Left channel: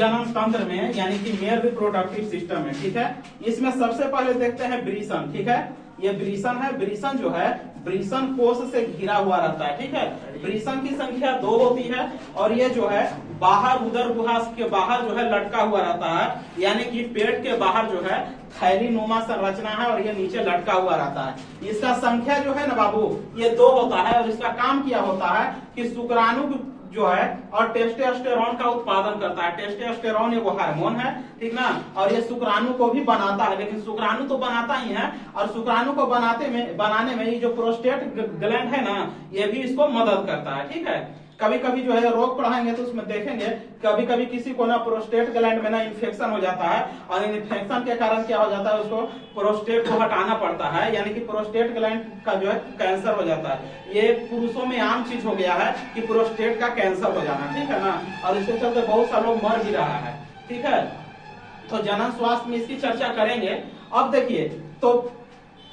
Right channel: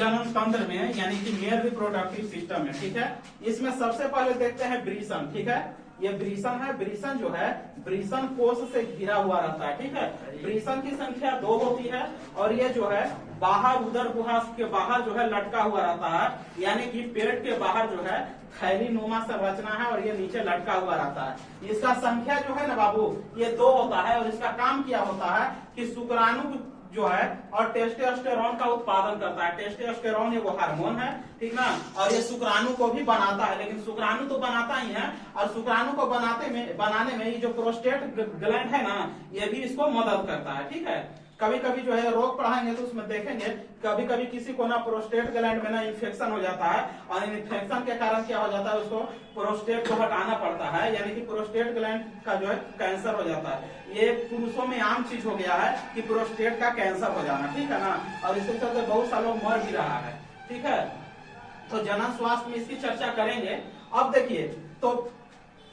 जन्म तंत्र में, यानी कि मेल रिप्रोडक्टिव सिस्टम में, ठीक है। इसमें सबसे पहले देखते हैं वृषण, ठीक है। ये वृषण है। वृषण जो है वृषण कोश से घिरा हुआ रहता है, ठीक है। वृषण की संख्या 2 होती है और ये जो है बाहर उदर गुहा के बाहर जो है लटका हुआ रहता है, यानी कि पेट के बाहर जो है थैली नुमा संरचना है और ये नीचे लटका हुआ रहता है। इसका संख्या जो है ना बाबू ये 2 होता है और इसका काम क्या होता है कि शुक्राणु जो है और टेस्टोस्टेरोन का उत्पादन करता है। टेस्टोस्टेरोन एगो हार्मोन है, ठीक ना, और ये शुक्राणु को भी बनाता है, लेकिन शुक्राणु तो बनाता ही है और शुक्राणु को बनाने में ये जो प्रोस्टेट ग्लैंड है ना ये भी इसको मदद करता है, ठीक है। कभी कभी जो है रोग पढ़ाएंगे तो उसमें देखेंगे कभी कभी किसी को ना प्रोस्टेट ग्लैंड में ना इन्फेक्शन हो जाता है और इन्फेक्शन के कारण क्या हो जाता है उसको प्रोस्टेट को हटाना पड़ता है, यानी कि प्रोस्टेट ग्लैंड का जो है कैंसर हो जाता है। ये पुरुषों में आम चीज हो गया है कि प्रोस्टेट का कैंसर हो जाना, ठीक है ना, और इसके चलते बहुत सा लोग मर भी रहा है, ठीक है। तो जनन स्वास्थ्य में इसकी चर्चा करेंगे। अब देखिए तो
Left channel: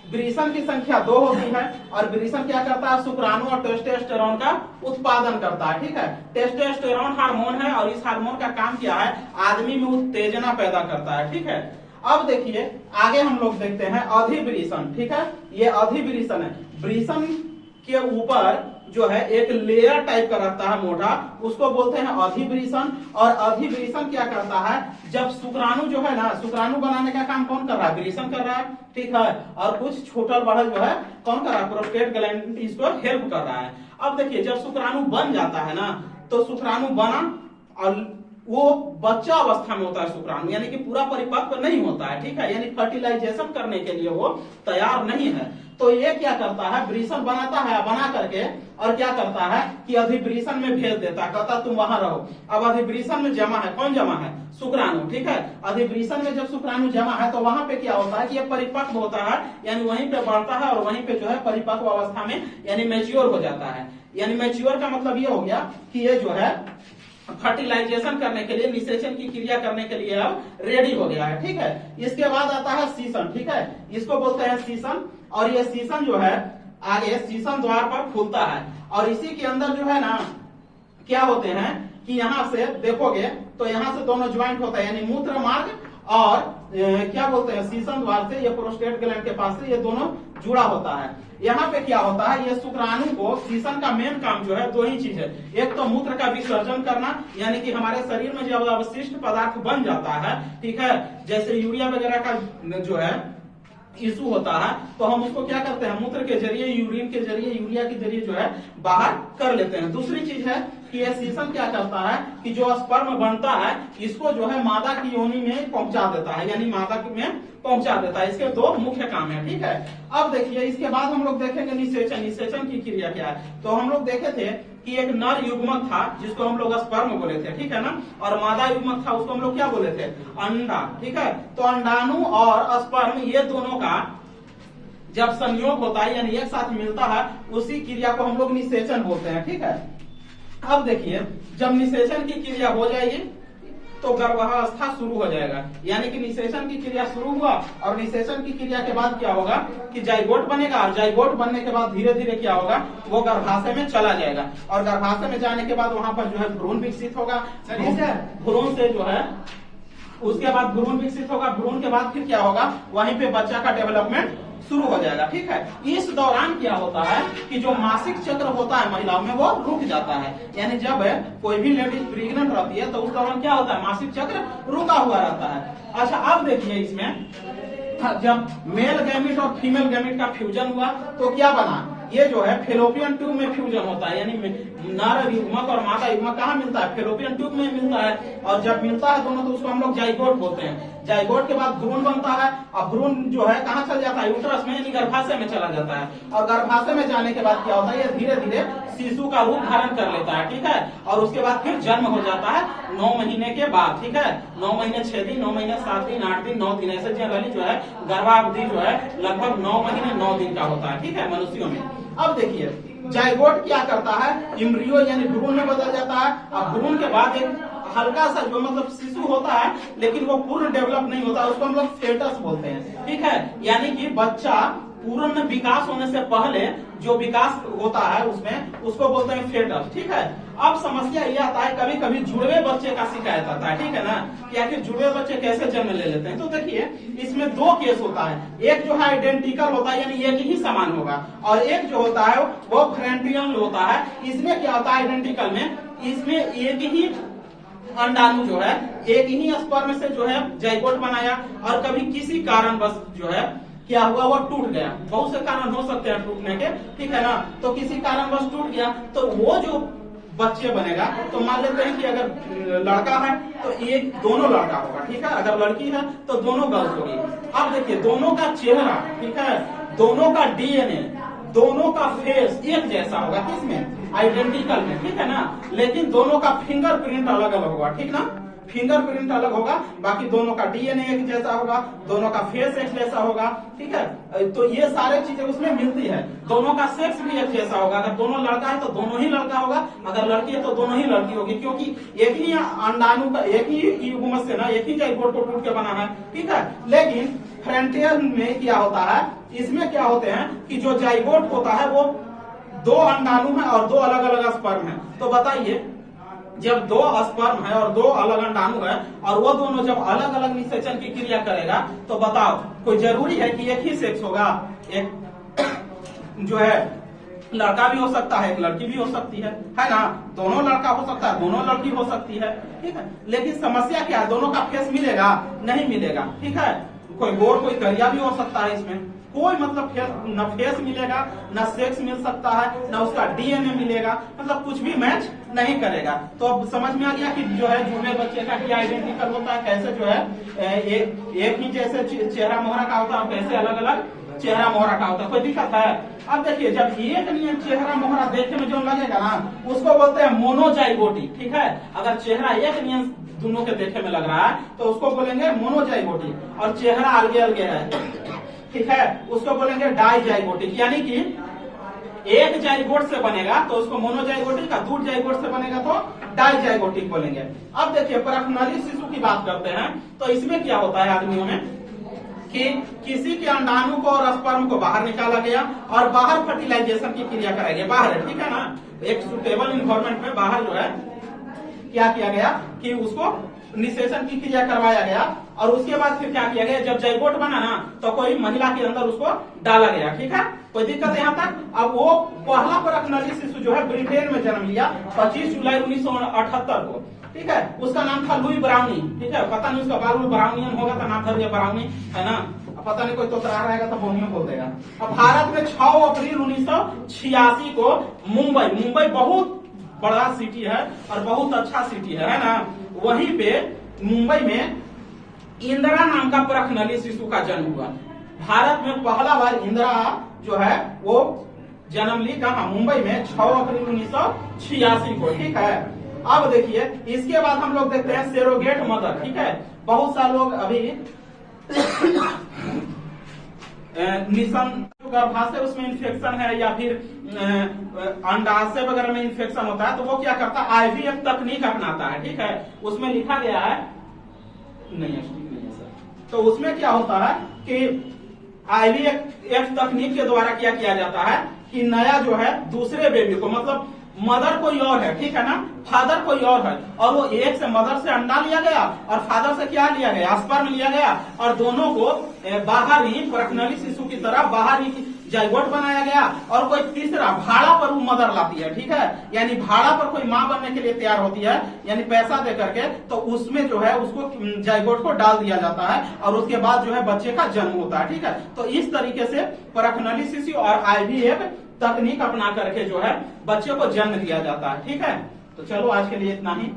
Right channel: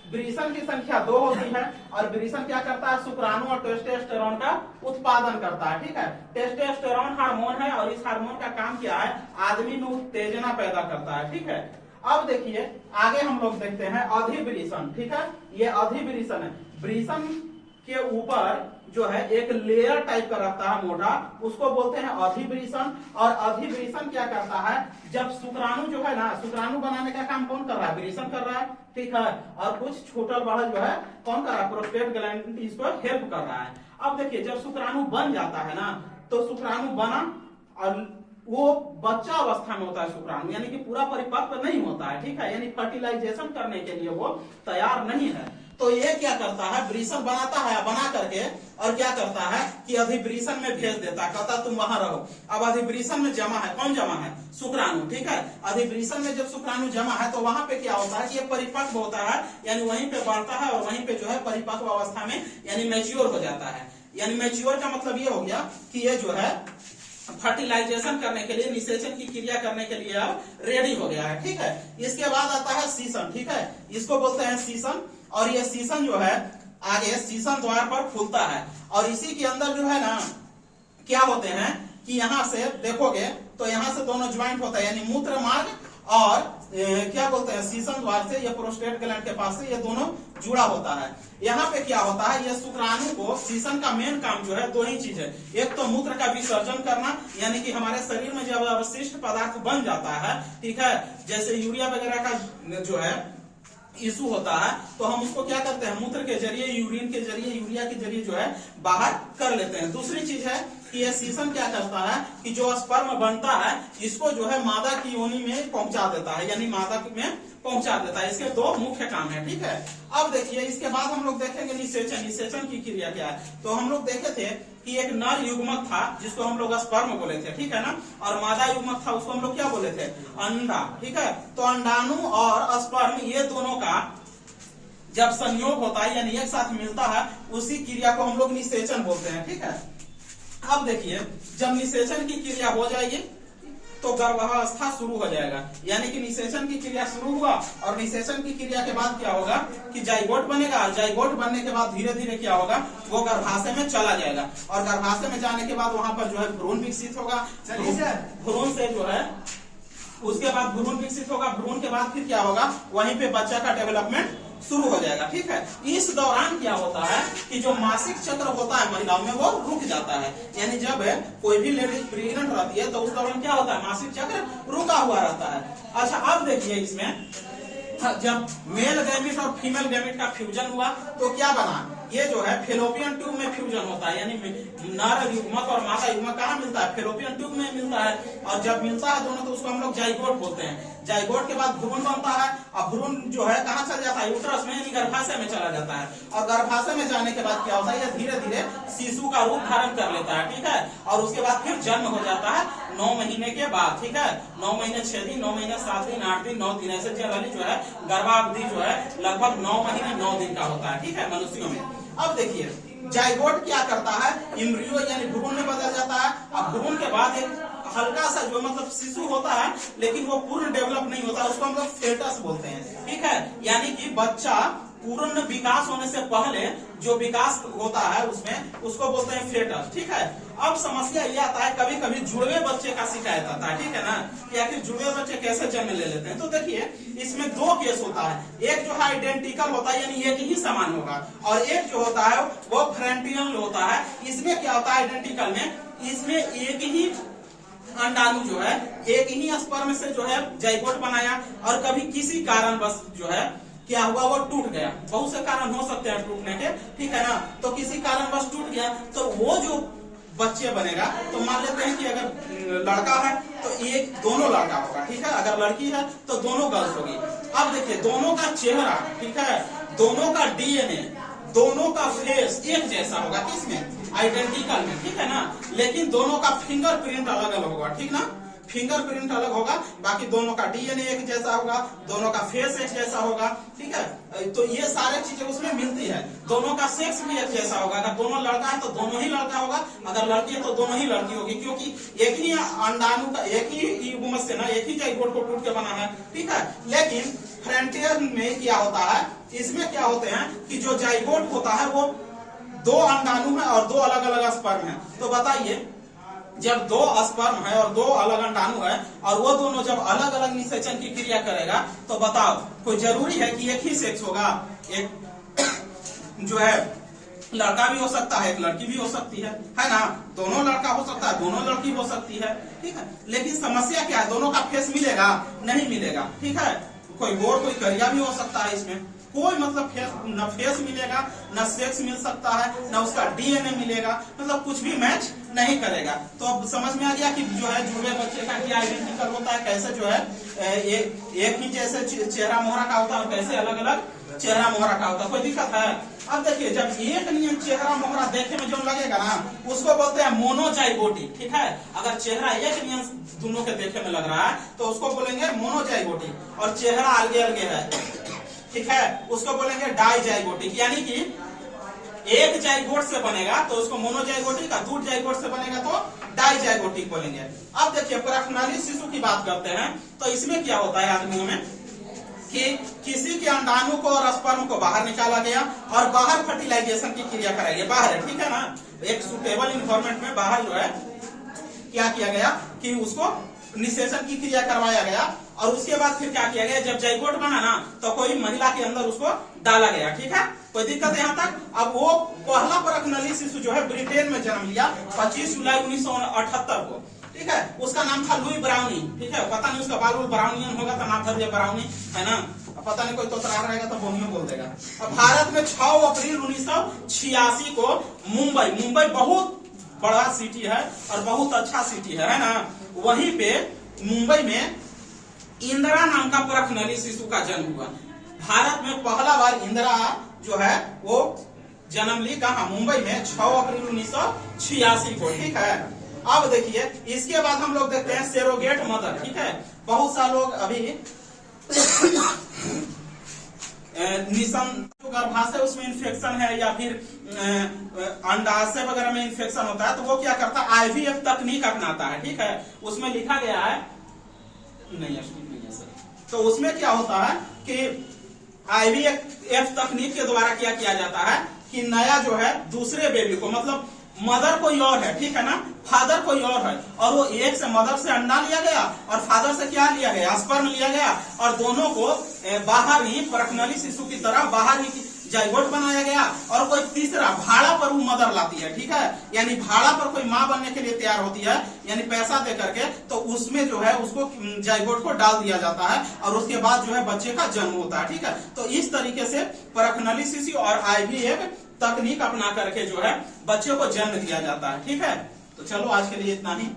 वृषण की संख्या 2 होती है और वृषण क्या करता है शुक्राणु और टेस्टोस्टेरोन का उत्पादन करता है, ठीक है। टेस्टोस्टेरोन हार्मोन है और इस हार्मोन का काम क्या है आदमी में उत्तेजना पैदा करता है, ठीक है। अब देखिए आगे हम लोग देखते हैं अधिवृषण, ठीक है। ये अधिवृषण है। वृषण के ऊपर जो है एक लेयर टाइप का रहता है मोटा, उसको बोलते हैं अधिवृषण। और अधिवृषण क्या करता है जब शुक्राणु जो है ना शुक्राणु बनाने का काम कौन कर रहा है वृषण कर रहा है, ठीक है, और कुछ छोटा बड़ा जो है कौन कर रहा है प्रोस्टेट ग्लैंड इसको हेल्प कर रहा है। अब देखिए जब शुक्राणु बन जाता है ना तो शुक्राणु बना और वो बच्चा अवस्था में होता है शुक्राणु, यानी कि पूरा परिपक्व नहीं होता है, ठीक है, यानी फर्टिलाइजेशन करने के लिए वो तैयार नहीं है। तो ये क्या करता है वृषण बनाता है, बना करके और क्या करता है कि अधिवृषण में भेज देता है, कहता तुम वहां रहो। अब अधिवृषण में जमा है, कौन जमा है शुक्राणु, ठीक है। अधिवृषण में जब शुक्राणु जमा है तो वहां पे क्या होता है कि ये परिपक्व होता है, यानी वहीं पे बढ़ता है और वहीं पे जो है परिपक्व अवस्था में यानी मैच्योर हो जाता है। यानी मैच्योर का मतलब ये हो गया कि ये जो है फर्टिलाइजेशन करने के लिए निषेचन की क्रिया करने के लिए अब रेडी हो गया है, ठीक है। इसके बाद आता है सीसन, ठीक है, इसको बोलते हैं सीसन। और ये सीसन जो है आगे सीसन द्वार पर खुलता है और इसी के अंदर जो है ना क्या होते हैं कि यहाँ से देखोगे तो यहाँ से दोनों ज्वाइंट होता है, यानी मूत्र मार्ग और क्या बोलते हैं सीसन द्वार से ये प्रोस्टेट ग्लैंड के पास से ये दोनों जुड़ा होता है। यहाँ पे क्या होता है ये शुक्राणु को सीसन का मेन काम जो है 2 ही चीज है, एक तो मूत्र का विसर्जन करना, यानी कि हमारे शरीर में जब अवशिष्ट पदार्थ बन जाता है, ठीक है, जैसे यूरिया वगैरह का जो है इशू होता है तो हम उसको क्या करते हैं मूत्र के जरिए यूरिन के जरिए यूरिया के जरिए जो है बाहर कर लेते हैं। दूसरी चीज है कि ये सीसन क्या करता है कि जो स्पर्म बनता है इसको जो है मादा की योनि में पहुंचा देता है, यानी मादा में पहुंचा देता है। इसके 2 मुख्य काम है, ठीक है। अब देखिए इसके बाद हम लोग देखेंगे निषेचन। निषेचन की क्रिया क्या है तो हम लोग देखे थे कि एक नर युग्मक था जिसको हम लोग स्पर्म बोले थे, ठीक है ना, और मादा युग्मक था उसको हम लोग क्या बोले थे अंडा, ठीक है। तो अंडाणु और स्पर्म ये दोनों का जब संयोग होता है यानी एक साथ मिलता है उसी क्रिया को हम लोग निषेचन बोलते हैं, ठीक है। अब देखिए जब निषेचन की क्रिया हो जाएगी तो गर्भावस्था शुरू हो जाएगा, यानी कि निषेचन की क्रिया शुरू हुआ और निषेचन की क्रिया के बाद क्या होगा कि जाइगोट बनेगा और जाइगोट बनने के बाद धीरे धीरे क्या होगा वो गर्भाशय में चला जाएगा और गर्भाशय में जाने के बाद वहां पर जो है भ्रूण विकसित होगा। भ्रूण से जो है उसके बाद भ्रूण विकसित होगा, भ्रूण के बाद फिर क्या होगा वहीं पे बच्चा का डेवलपमेंट शुरू हो जाएगा, ठीक है। इस दौरान क्या होता है कि जो मासिक चक्र होता है महिलाओं में वो रुक जाता है, यानी जब कोई भी लेडीज प्रेग्नेंट रहती है तो उस दौरान क्या होता है मासिक चक्र रुका हुआ रहता है। अच्छा अब देखिए इसमें जब मेल गैमेट और फीमेल गैमेट का फ्यूजन हुआ तो क्या बना ये जो है फेलोपियन ट्यूब में फ्यूजन होता है, यानी नर युग्मक और मादा युग्मक कहाँ मिलता है फेलोपियन ट्यूब में मिलता है और जब मिलता है दोनों तो उसको हम लोग जाइगोट बोलते हैं। जाइगोट के बाद भ्रूण बनता है और भ्रूण जो है कहाँ चल जाता है यूट्रस में यानी गर्भाशय में चला जाता है और गर्भाशय में जाने के बाद क्या होता है ये धीरे धीरे शिशु का रूप धारण कर लेता है, ठीक है, और उसके बाद फिर जन्म हो जाता है 9 महीने के बाद, ठीक है। 9 महीने 6 दिन 9 महीने 7 दिन 8 दिन 9 दिन ऐसे जनरली जो है गर्भावधि जो है लगभग 9 महीने 9 दिन का होता है, ठीक है, मनुष्यों में। अब देखिए जाइगोट क्या करता है इम्ब्रियो यानी भ्रूण में बदल जाता है और भ्रूण के बाद एक हल्का सा जो मतलब शिशु होता है लेकिन वो पूर्ण डेवलप नहीं होता उसको हम लोग फेटस बोलते हैं, ठीक है, यानी कि बच्चा पूर्ण विकास होने से पहले जो विकास होता है उसमें उसको बोलते हैं फेटस, ठीक है। अब समस्या ये आता है, कभी कभी जुड़वे बच्चे का शिकायत आता है, ठीक है ना, कि आखिर जुड़वे बच्चे कैसे जन्म ले लेते हैं। तो देखिए इसमें दो केस होता है, एक जो है आइडेंटिकल होता है यानी एक ही समान होगा, और एक जो होता है वो फ्रेंटियल होता है। इसमें क्या होता है आइडेंटिकल में, इसमें एक ही अंडाणु जो है एक ही स्पर्म से जो है जाइगोट बनाया, और कभी किसी कारणवश जो है क्या हुआ वो टूट गया। बहुत से कारण हो सकते हैं टूटने के, ठीक है ना, तो किसी कारणवश टूट गया तो वो जो बच्चे बनेगा, तो मान लेते हैं कि अगर लड़का है तो एक दोनों लड़का होगा, ठीक है, अगर लड़की है तो दोनों गर्ल्स होगी। अब देखिए दोनों का चेहरा, ठीक है, दोनों का डीएनए, दोनों का फेस एक जैसा होगा, किसमें, आइडेंटिकल में, ठीक है ना, लेकिन दोनों का फिंगरप्रिंट अलग अलग होगा, ठीक ना, फिंगरप्रिंट अलग होगा, बाकी दोनों का डीएनए एक जैसा होगा, दोनों का फेस एक जैसा होगा, ठीक है। तो ये सारे चीजें उसमें मिलती है। दोनों का सेक्स भी एक जैसा होगा, अगर दोनों लड़का है तो दोनों ही लड़का होगा, अगर लड़की है तो दोनों ही लड़की होगी, क्योंकि एक ही अंडाणु का एक ही युग्म से ना एक ही जाइगोट को टूट के बनाना है, ठीक है। लेकिन फ्रेंटियल में क्या होता है, इसमें क्या होते हैं कि जो जाइगोट होता है वो दो अंडाणु है और दो अलग अलग स्पर्म है। तो बताइए जब दो स्पर्म है और दो अलग अंडाणु है और वो दोनों जब अलग अलग निषेचन की क्रिया करेगा, तो बताओ कोई जरूरी है कि एक ही सेक्स होगा, एक जो है लड़का भी हो सकता है, एक लड़की भी हो सकती है ना, दोनों लड़का हो सकता है, दोनों लड़की हो सकती है, ठीक है। लेकिन समस्या क्या है, दोनों का फेस मिलेगा, नहीं मिलेगा, ठीक है, कोई गोर कोई करिया भी हो सकता है, इसमें कोई मतलब न फेस मिलेगा, न सेक्स मिल सकता है, न उसका डीएनए मिलेगा, मतलब कुछ भी मैच नहीं करेगा। तो अब समझ में आ गया कि जो है जुड़वे बच्चे का क्या आइडेंटिकल होता है, कैसे जो है एक ही जैसे चेहरा मोहरा का होता है, कैसे अलग अलग चेहरा मोहरा का होता है, कोई दिक्कत है। अब देखिए जब एक नियन चेहरा मोहरा देखने में जो लगेगा ना, उसको बोलते हैं मोनोजाइगोटी, ठीक है। अगर चेहरा एक नियन दोनों के देखे में लग रहा है तो उसको बोलेंगे मोनोजाइगोटी, और चेहरा अलगे अलगे है, ठीक है, उसको बोलेंगे डाइजाइगोटिक, यानी कि एक जाइगोट से बनेगा तो उसको मोनोजाइगोटिक, का दो जाइगोट से बनेगा तो डाइजाइगोटिक बोलेंगे। अब देखिए परखनली शिशु की बात करते हैं, तो इसमें क्या होता है आदमियों में कि किसी के अंडाणु को और स्पर्म को बाहर निकाला गया और बाहर फर्टिलाइजेशन की क्रिया कराई गई, बाहर है, ठीक है ना, एक सुटेबल इन्वायरमेंट में बाहर जो है क्या किया गया कि उसको निषेचन की क्रिया करवाया गया, और उसके बाद फिर क्या किया गया, जब जाइगोट बना ना तो कोई महिला के अंदर उसको डाला गया, ठीक है, कोई दिक्कत यहाँ तक। अब वो पहला परखनली शिशु जो है ब्रिटेन में जन्म लिया 25 जुलाई 1978 को, ठीक है, उसका नाम था लुई ब्राउनी, ठीक है, पता नहीं उसका बाल ब्राउनियन होगा तो नाम था ब्राउनी, है ना, पता नहीं कोई तोतरा रहेगा तो बोनियो बोल देगा। अब भारत में 6 अप्रैल 1986 को मुंबई बहुत बड़ा सिटी है और बहुत अच्छा सिटी है ना, वहीं पे मुंबई में इंदिरा नाम का परखनली शिशु का जन्म हुआ। भारत में पहला बार इंदिरा जो है वो जन्म ली कहा, मुंबई में 6 अप्रैल 1986 को, ठीक है। अब देखिए इसके बाद हम लोग देखते हैं सेरोगेट मदर, ठीक है, बहुत सा लोग अभी गर्भाशय उसमें इन्फेक्शन है या फिर अंडाशय वगैरह में इन्फेक्शन होता है, तो वो क्या करता है आईवीएफ तकनीक अपनाता है, ठीक है, उसमें लिखा गया है नहीं है सर, तो उसमें क्या होता है कि आईवीएफ तकनीक के द्वारा क्या किया जाता है कि नया जो है दूसरे बेबी को, मतलब मदर कोई और है, ठीक है ना, फादर कोई और है, और वो एक से मदर से अंडा लिया गया और फादर से क्या लिया गया, स्पर्म लिया गया, और दोनों को बाहर ही परखनली शिशु की तरह बाहर ही जाइगोट बनाया गया, और कोई तीसरा भाड़ा पर वो मदर लाती है, ठीक है, यानी भाड़ा पर कोई माँ बनने के लिए तैयार होती है, यानी पैसा दे करके, तो उसमें जो है उसको जाइगोट को डाल दिया जाता है और उसके बाद जो है बच्चे का जन्म होता है, ठीक है। तो इस तरीके से परखनली शिशु और आईवीएफ तकनीक अपना करके जो है बच्चे को जन्म दिया जाता है, ठीक है। तो चलो आज के लिए इतना ही।